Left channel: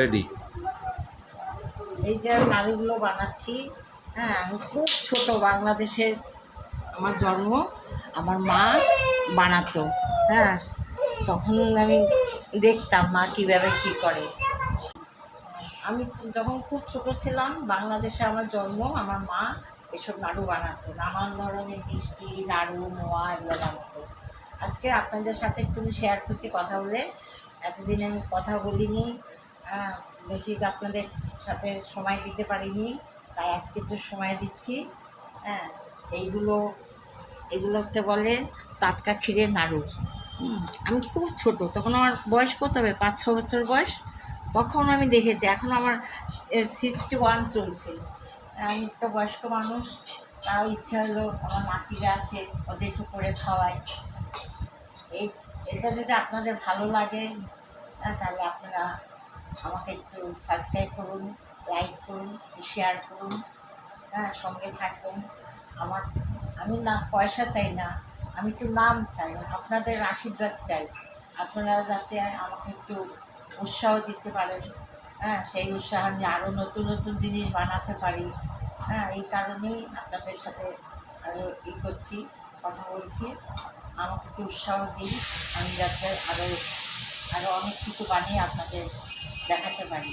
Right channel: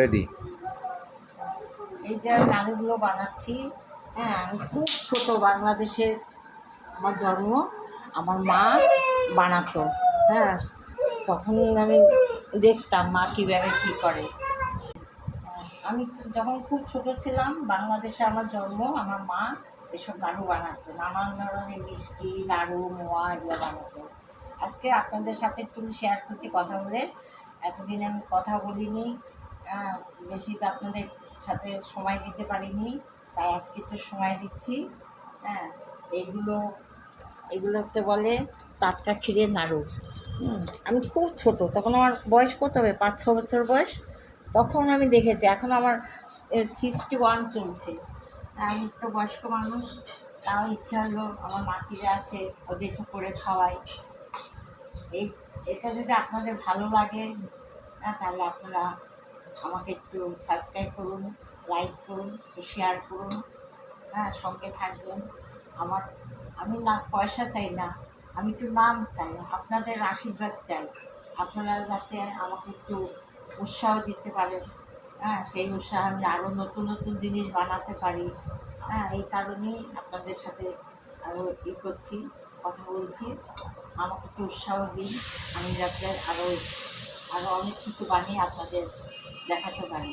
Ready. এই যে নাড়ুগুলো বানাচ্ছি। হ্যাঁ, আমি খুব ছোট, বাংলাদেশে আমার জন্ম, আমার মা বানাতো। হ্যাঁ, তখন আমি দেখতাম মা কীভাবে কী করে। আমি যখন খুব ছোট ছিলাম, বাংলাদেশে আমার জন্ম, আমার মা এসব নাড়ু বানাতো, নানান ধরনের মিষ্টি নাড়ু মোয়া এগুলো বানাতো। আজকে আপনাদের সাথে একটু শেয়ার করছি কথা বলে। এতদিন আমি কথা বলিনি, বেশি আপনাদের সাথে সময় দিতে পারিনি, তাই আজকে একটু সময় দিচ্ছি। হ্যাঁ, এইগুলো এগুলোতে বলে টাটকা ক্ষীরের নাড়ু। আমি খুব ছোট, তখন আমার বয়স কত হবে, 5-6 বছর বয়স। তখন আমি দেখেছি, এখন আমার 61 চলছে। আমি একটা বয়স্ক মানুষ, তাও ইচ্ছা হলো আমার নাতিরা আছে, ওদের একটু করে খাওয়াই। এই এটা যদি আপনাদের ভালো লাগে, তাহলে আপনারা আমাকে একটু সাবস্ক্রাইব করুন, লাইক করুন, শেয়ার করুন। হ্যাঁ, সঙ্গে থাকবেন। আমার আমি না পয়সা চাই না, আমি একটু নাম চাই, আপনাদের আশীর্বাদ চাই। আপনারা যাতে আমাকে একটু উৎসাহ দিতে পারেন। হ্যাঁ, সেই উৎসাহ আমি আরও নতুন নতুন জিনিস বানাতে পারি। হ্যাঁ, এই কারণেই আপনাদের সাথে আরও করছি, কথা বলছি। আমাকে একটু উৎসাহ দিন, আমি যাতে আরও আরও অনেক কিছু বানিয়ে আপনাদের দেখাতে পারি।